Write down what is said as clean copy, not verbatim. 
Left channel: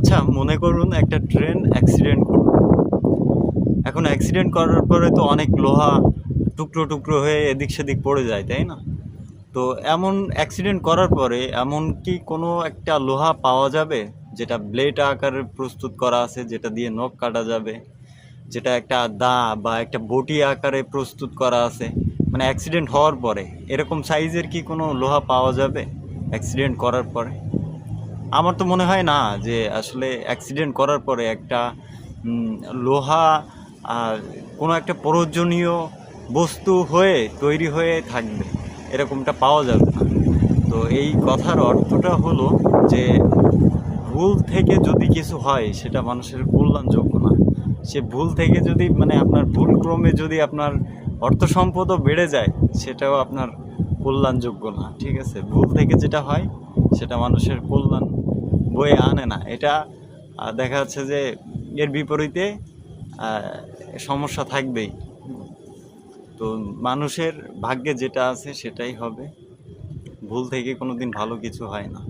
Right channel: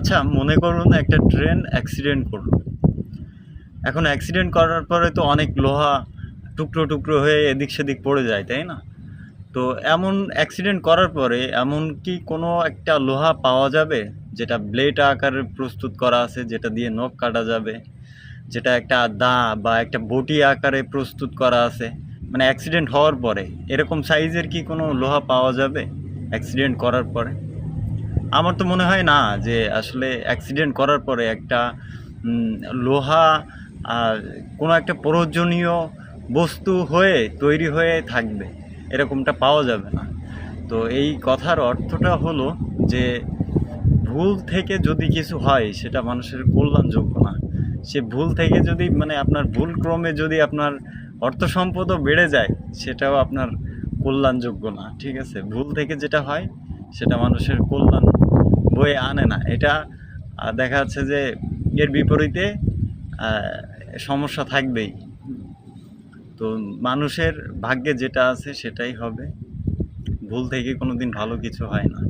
আচ্ছা, মনে করুন একটা ট্রেন অ্যাক্সিডেন্ট করলো। এখন অ্যাক্সিডেন্ট করার পরে তো অনেক লোহা টুকরো টুকরো হয়ে এদিক সেদিক পড়ে যায়, তাই না? তো এমন অ্যাক্সিডেন্ট করার পরে এমন কি কোনো একটা লোহা পাওয়া যাবে যেটা ব্লেড আকারে প্রস্তুত করা আছে, যেটা দিয়ে নখ কাটা যাবে, যেটা একটা দা বা একটা বটি আকারে প্রস্তুত করা আছে, মানে অ্যাক্সিডেন্ট হওয়ার পরে এরকম সাইজের কি কোনো লোহা পাওয়া যাবে অ্যাক্সিডেন্ট করার পরে? আমার তো মনে হয় না যে আসলে অ্যাক্সিডেন্ট করার পরে একটা উম, লোহা আর কোনো একটা প্রয়োজনীয় বস্তু হয়ে তৈরি হয়ে থাকবে, এরকমটা পাওয়া যাবে না। তো এই কথার অর্থটা হলো যে ভুল থেকে যদি কিছু হয় সেটা মানুষের কল্যাণযোগ্য না। সে ভুল থেকে যদি মানে আপনার ভুল ক্রমে যদি আপনার অর্থ সম্পদও বেড়ে যায়, সেটাও আপনার কল্যাণযোগ্য না। ঠিক আছে, ভুল থেকে যেটা হয় সেটা মানুষের কল্যাণ বয়ে আনে না। এটা দেখা যাচ্ছে যে এর বিপরীতে আহ, সমস্যা থাকবেই। তো মানুষের ভাগ্যে যেটা আছে সেটাই হবে, ভুল থেকে কোনোদিন ভালো কিছু হয় না।